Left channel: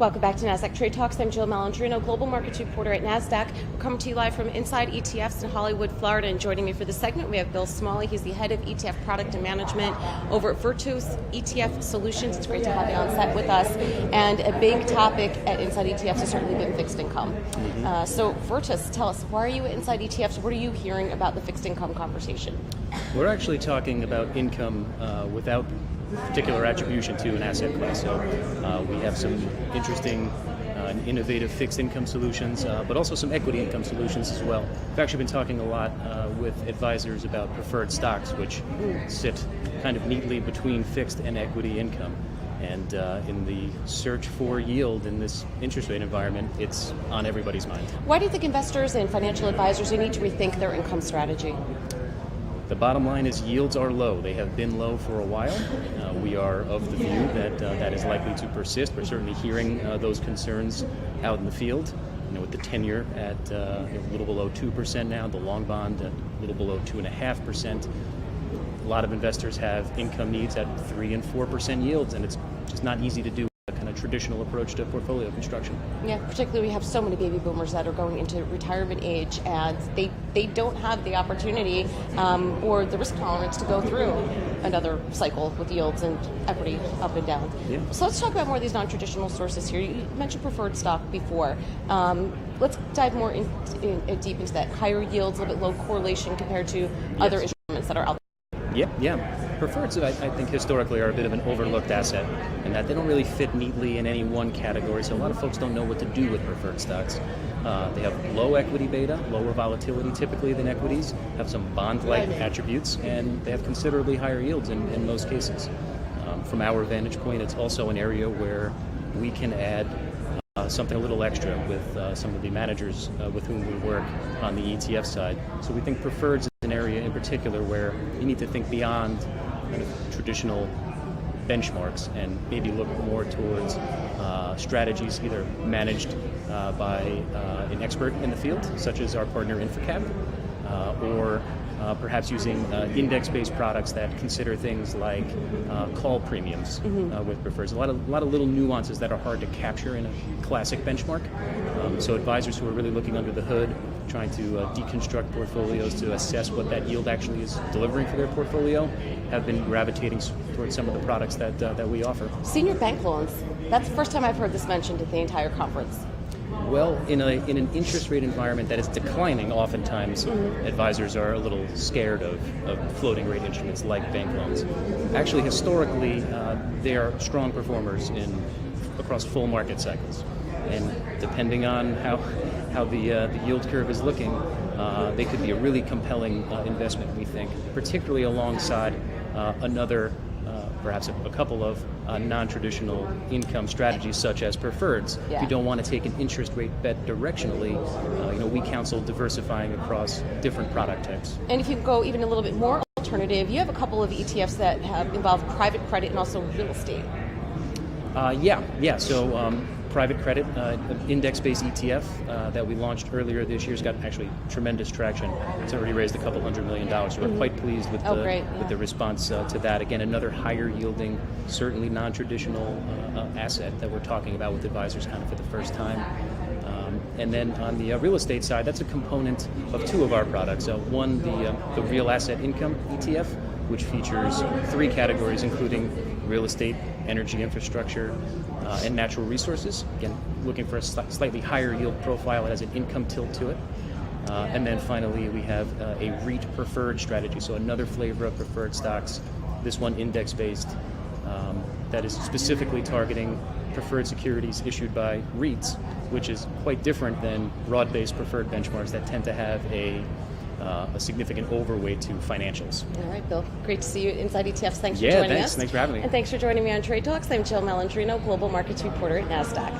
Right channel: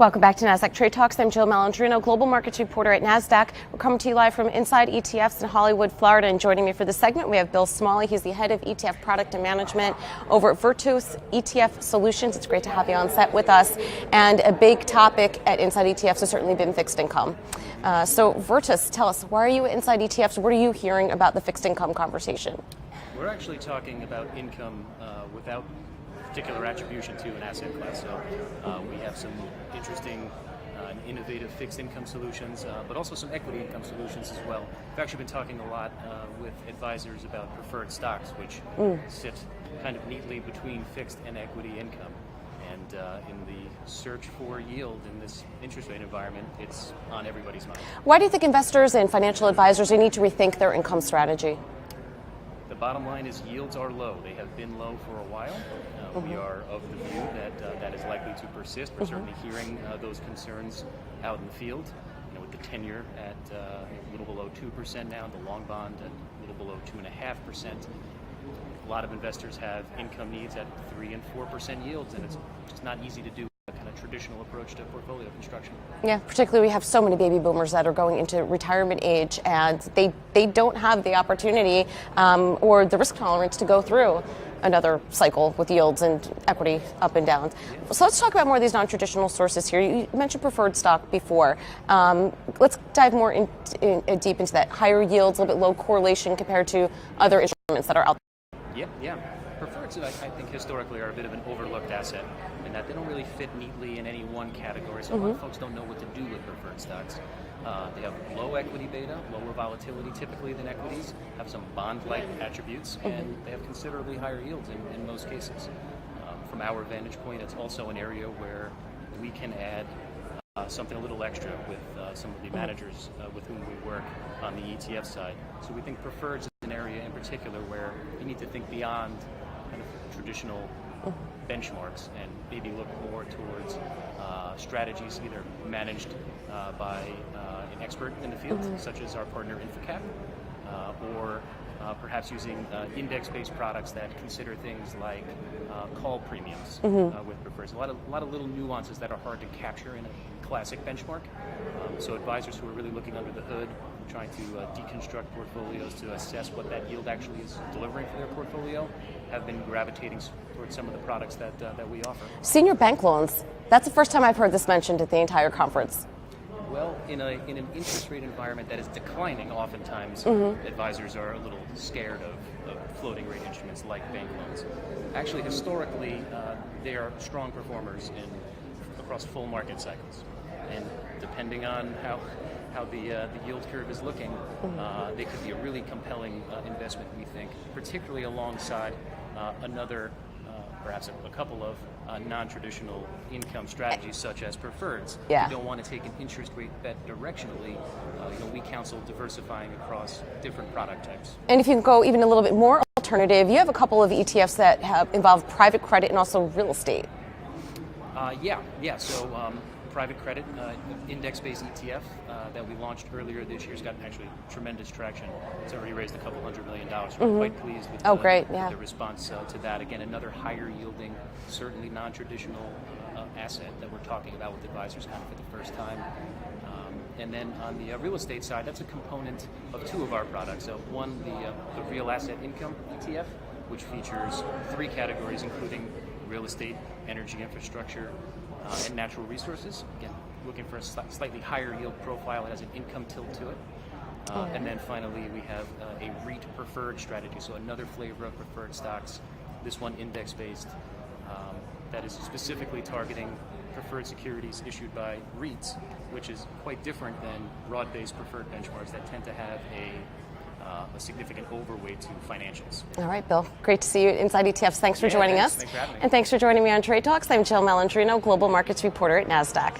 Welcome back to Nasdaq Trade Talks. I'm Jill Malandrino, Global Markets Reporter at Nasdaq. We're coming to you live from Inside ETFs in Hollywood, Florida. And joining me for this segment, we have Bill Smalley. He's the head of ETF Product and Management over at Virtus ETF Solutions. It's great to have you on set with us. And a big topic at Inside ETFs has certainly been fixed income. So Virtus, tell us, why are you at Inside ETFs? What are you hearing about the fixed income conversation? We're actually talking about income without particular attribution to an asset class. So we have some interesting and innovative fixed income solutions, but also some equity income solutions as well. We've actually been talking a lot with advisors about preferred stocks, which sit kind of neatly between fixed and equity income. And in the search for yield in this interest rate environment, it's on everybody's mind. Why do you think investors and financial advisors need to rethink their income strategy? The bottom line is yields are low. They have been low for a while. We are of the view that that is likely to persist. We're certainly hearing those concerns out in the field. With the 10-year at a little below 2% now, the long bond at a little below 2.5%. A lot of investors have income needs at 3 and 4% yields, and it's just not easy to do a kind of traditional approach to portfolio construction. Yeah, particularly we have so many baby boomers that are going into retirement age, and they don't have the opportunity or the risk tolerance to go through another cycle with yields and equity up and down. Yeah. So let's talk about more of these non-traditional sources here. You mentioned preferred stock before. Let's dive more deep into that. Higher yields, a little bit low correlation compared to other instruments that are out there. Yeah. Preferreds, I think, historically are a bit of an overlooked asset, and that they don't really fit neatly in any one category, so a lot of folks don't know what to do with preferred stocks. They have low equity beta, lower volatility typically than equities, have some bond-like attributes, and they have considerably higher yields in most cases. From our vantage point, it's also an area where we can add something a little extra with some of the managers with whom we work on the ETF side. So we think preferreds is an area in particular where you need to think beyond kind of traditional benchmarks and maybe look more towards strategies either managed by an expert in the field, such as our partner InfraCap, or perhaps using index-based products that consider things like call premiums with prefers. A lot of little nuances that are hard to capture in a classic benchmark. So advisors who are really looking under the hood, trying to deconstruct portfolios to assess what that yield actually is delivering for their portfolio, have been gravitating towards some of the products that we offer. Senior bank loans. That's the first time I've heard this mentioned at the entire conference. Well, in an interest rate environment that is declining, oftentimes advisors are a little scared of floating rate instruments like bank loans. Actually, historically, they are strong performers across full market cycles. And depending on how the yield curve is looking, they could be a really compelling investment, we think, particularly alongside perhaps a couple of non-traditional income strategies such as preferreds. Yeah. If you don't want to take an interest rate bet directionally, we counsel diversifying across different product types. And if you go even a little bit more alternative, you have a couple of ETFs that involve private credit and also real estate. So private credit, index-based ETF that we launched earlier this year has got actually tremendous traction. It's already raised $200 million. So we're quite pleased with the response to that. Again, another higher yielding, certainly non-traditional asset that we're talking about with advisors kind of for the first time. And then on the real estate side, that's a component of two of our products. One, the real asset income ETF, which features three categories, including real estate, energy infrastructure, and natural resources. Again, looking for a slightly higher yield profile. It has an income tilt to it. And then finally, we have a REIT preferred strategy, so another flavor of preferred stocks, this one index-based, that is specifically targeting preferred securities issued by REITs, which is quite different than broad-based preferred benchmarks that tend to have a significant overweight to financials. All right, Bill. Great to see you inside ETFs. Thanks for joining us. Thanks for having me. And thanks for joining me on Trade Talks. I'm Jill Malandrino, Global Markets Reporter at Nasdaq.